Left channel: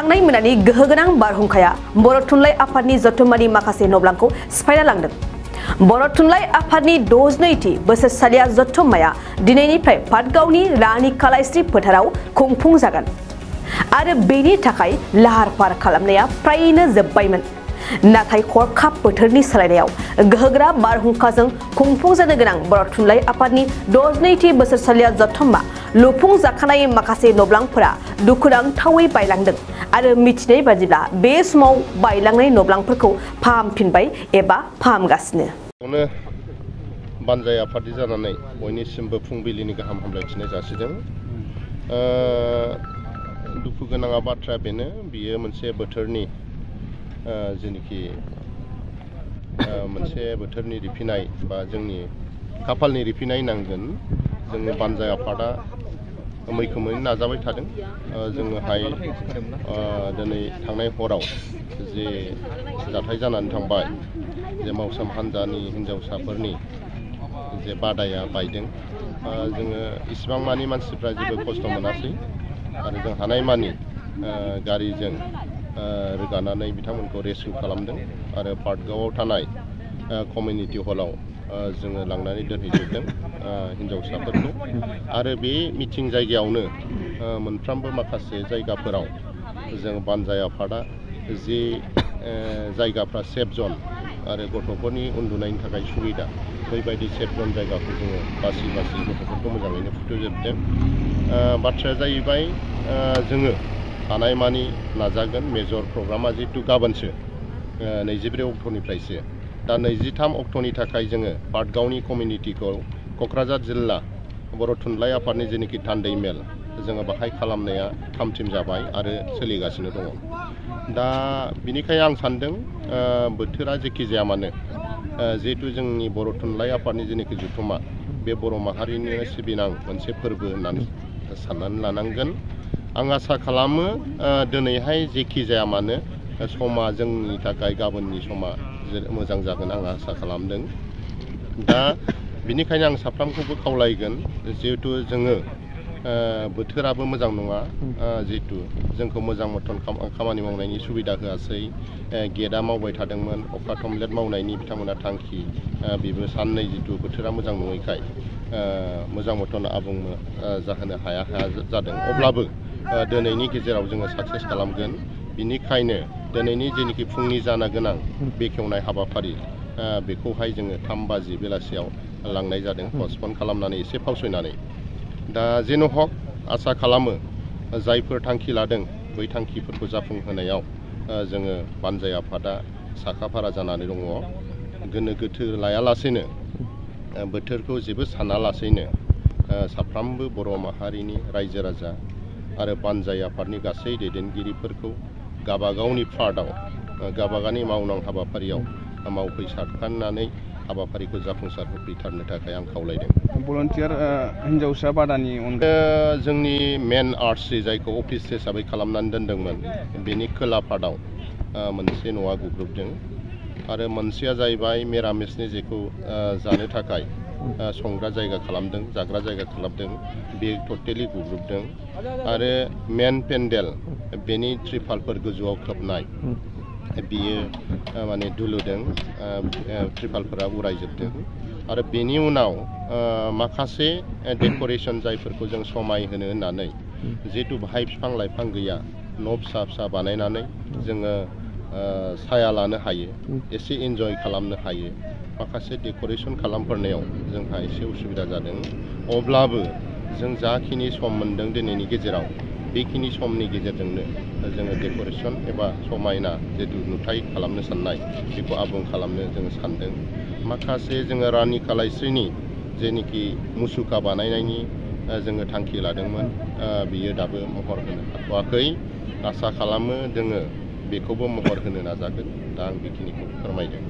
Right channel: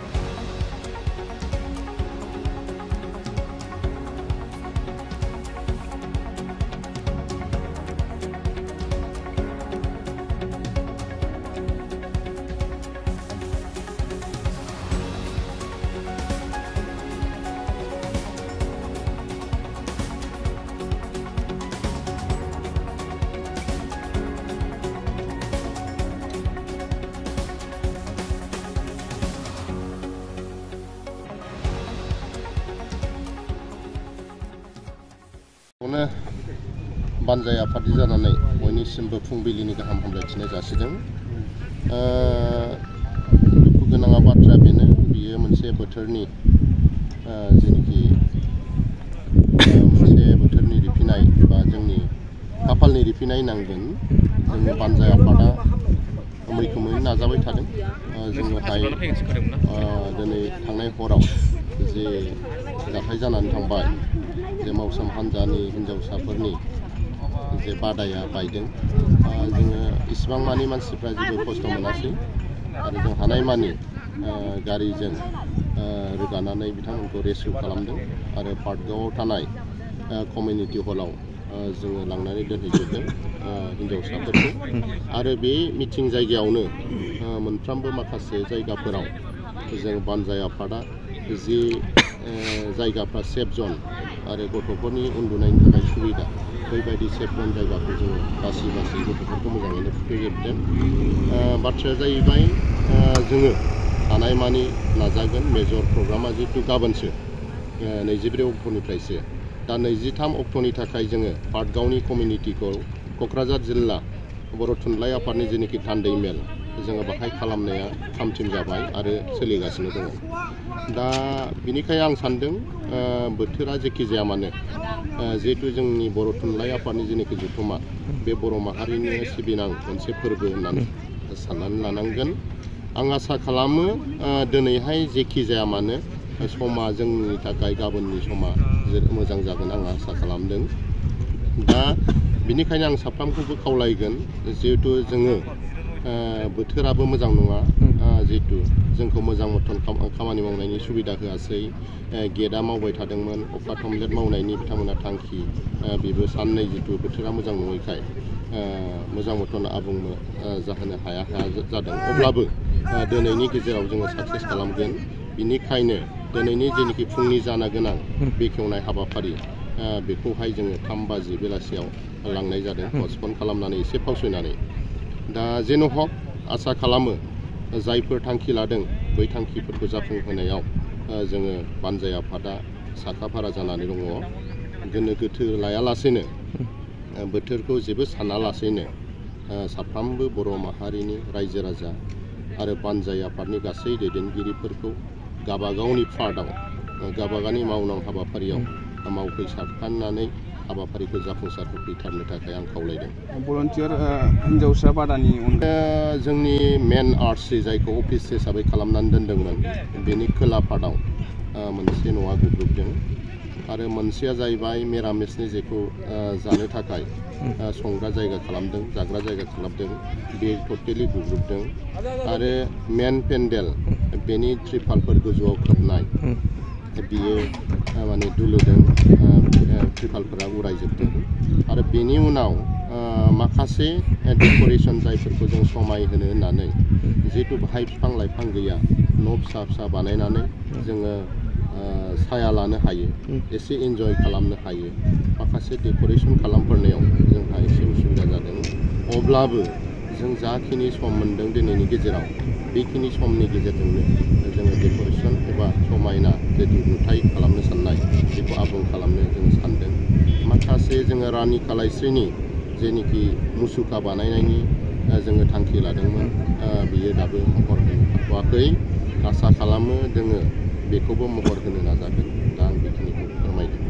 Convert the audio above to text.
थांनाय मोनानि गोहोगोनां बारहुंखाया बर' थुनलाइ आफादनि जथुम्मानि माखासे नब्लांखौ सिफायना लांदों। बर' थुनलाइ आफादनि 62थि बोसोरसालिया जथुम्माया दिनैनिफ्राय पाटगावनि रानि कालाइस्रि फोथाराव खुंफुंजागोन आरो बेनि थाखाय लाहार फाहार खालामनाया फ्रायनो जोबबायमोन। नाथाय हरखाब बोथोरनि सोलायनायाव गोहोगोरा बारहुंखाजों खुंफुंजानो गोनां बर' थुनलाइ आफादनि 62थि बोसोरसालिया जथुम्मा लुफुंजाखानाय माखासे नब्लांफोरा दुखुनांथावै बायलांदों आरो मिथिनाय बादिब्ला बे समाव बायलांनाय नब्लांफोरखौ फाहामफिनबाय एबा फाहामगासिनो। बानजाय आफादि जानानै बयनिसिमबो फुंबिलिनि गाहाम हामलायथिनाय जासिदों। दुखु गोनां बाथ्राया बेनो, बियो मोनसे बोथोरनि जेनोखि मोनसे बोथोरनि रिफिनाय बा जोंनि खाफालनि रिफिनाय नांगोन। जोंनि बानजाय आफादा मैखोमै नाजाबाय थादों। जोङोहाय दिनै थांनाय हराव जे जाथाय जानानै थांबाय, जे मावसोम हान्जानि हिन्जावसाफोरनि जे बादाया बायदों, जोङो इसिबां मानि मानसिफ्रा जेबो खस्थ' मोनासै आरो जों हानायमानि गारिजों रोगानानै बिथांमोनखौ रेस्किउ खालामदों आरो पाटगावआव थानाय कमिउनिटि हलाव जोङो लांनानै दोनहैजोबदों हिन्जावसाफोरखौ। आरो बे मिटिं जायगायावनो मोनफ्रोमबो माखासे जायगाफोराव जों बानजाय आफादा जि जायगाफ्रा सेफ जन आरो गथ'फोरनि उन्दुनायनि थाखाय सुबिदा, बैबायदि सेफ जन जायगाखौ जोङो बासि गथ'फोरखौ मोजाङैनो फुथुजोबदों। बाथ्राया जाहैबाय जोङो हानायमानि नाजागोन। मेजर प्रग्रामा जिहेतु गाबोनसो 23 अक्ट'निफ्रायसो, दा 23 अक्ट'नि थाखाय जोङो पाटगावनि कमिउनिटिखौ क'क्राझार जिल्ला बर' थुनलाइ आफादनि जेनोखि थान्दै मेल, जोङो बाहाय खालामनाया थामथिम जाबाय आरो सोलिगासिनो दङ। दा बिनिखायनो आं सान्दों बोथोरा जेखि जाया मानो, जिहेतु जोंनि बर' थुनलाइ आफादनि जेनोखि जथुम्मा, बे बर' माहारिनि सिबिनां मोनसे फोरबो होननानै साननानै लानांगोन। आं आसा खालामो दिनैहाय जेखि जाया मानो समा जोंनि थाखाय गाबोननि समा मोजां जागोन आं आसा खालामदों। दा बिनिखायनो आं साफ्रोमखौबो खावलायगोन, जिहेतु जोङो बोथोराबो मोजां नङा, जिहेतु जोंखौ मोजां मथन खामानि मावनायनि सुबिदा होआसै। गेटआ मावबाय थादोंमोन, अखा थमब्लेट मावनायनि बिथांमोना थांखि, बेबो साननै जितु बोथोरा मोजां नङैखाय मोजां मथन आबुं जाहोनो हाया जादों। अब्लाबो दिनैनि गेजेराव जोङो साक्सेस खालामगोन। बिनिखायनो दिनैनि जेनोखि फुंनि जानो गोनां बेखेवनाय हाबाफारि, बेखौहाय जोङो 3 बाजि बेलासियाव लांनाय जादों, पस्टपन खालामनानै एसे फावसयनानै। दा जेन' हक आसा खालामो जायफोर थांखि लादों बै थांखिफोरखौ जाफुंहोनायाव जोङो बानजाय आफादा साखाफारा जानानै दङ। गोनो गोथो लायालासेनो, बोथोरखौ जेबो सानालासेनो साफ्रोमबो बर' माहारिनि रायजो राजा आरो बानजाय आफादनि गासै दैदेनगिरिफोरखौ गाबागावनि पार्टआव गाबागावनि मावनां हाबाफारियाव मावफैसारखानानै हाबाफारिखौ जाफुंसार होफैथारनो थाखाय आं खावलायदों। भलन्टियार हिन्जावसा बादानि जोंनि मेन आर्टसि जायखौ अफिस हिसाबै खालामनानै दोनदोंमोन, बेनि खोला पार्टआव मोनसे न'आ गुग्रुबदों आरो मोनसेया जाहैबाय मिरामिसनि जेखौ जानो थाखाय संग्रा जायगा खालामदों, जाग्रा जायगा खालामदों, बे टटेलि गुग्रुबदों। आरो मेन पेन्डेल, बेनि त्रिपालफोर गोजौआव खोबनाय, बियो माने दुलुदों, त्रिपालफोरा उरायजोबदों। आरो बेनि उनाव माखासे डेक'रेसन जायफोरखौ जों समायहोनो होननानै, जिहेतु बाहाय बिफां लाइफां गैया, न' फिसा फिसा बानायनानै जोङो साया लानो हायो, एसे इन्जय खालामनो हायो, माखासे डेक'रेसन खालामफोरनायाव जोंहा एसे उसुबिदा जादों। अब्लाबो जों जाखिनि सम मोनदों दिनैनि गेजेराव, बेखिनि समनि गेजेरजोंनो जोङो डेक'रेसन एबा समायना जितु नुथाय खालामनो साननाय, बेखौ आबुं खालामनो जोङो सानदों। माखासे जोङो रानि कालाइस्रिनि जेनोखि मुसुखा बानायनायनि जोङो थांखि लादोंमोन, बियो दाबो महर होनो हाथ'वाखै। आसा खालामो जोङो बेखौबो महर होनो नाजागोन। दा आं बेखिनिखौ फोरमायदों।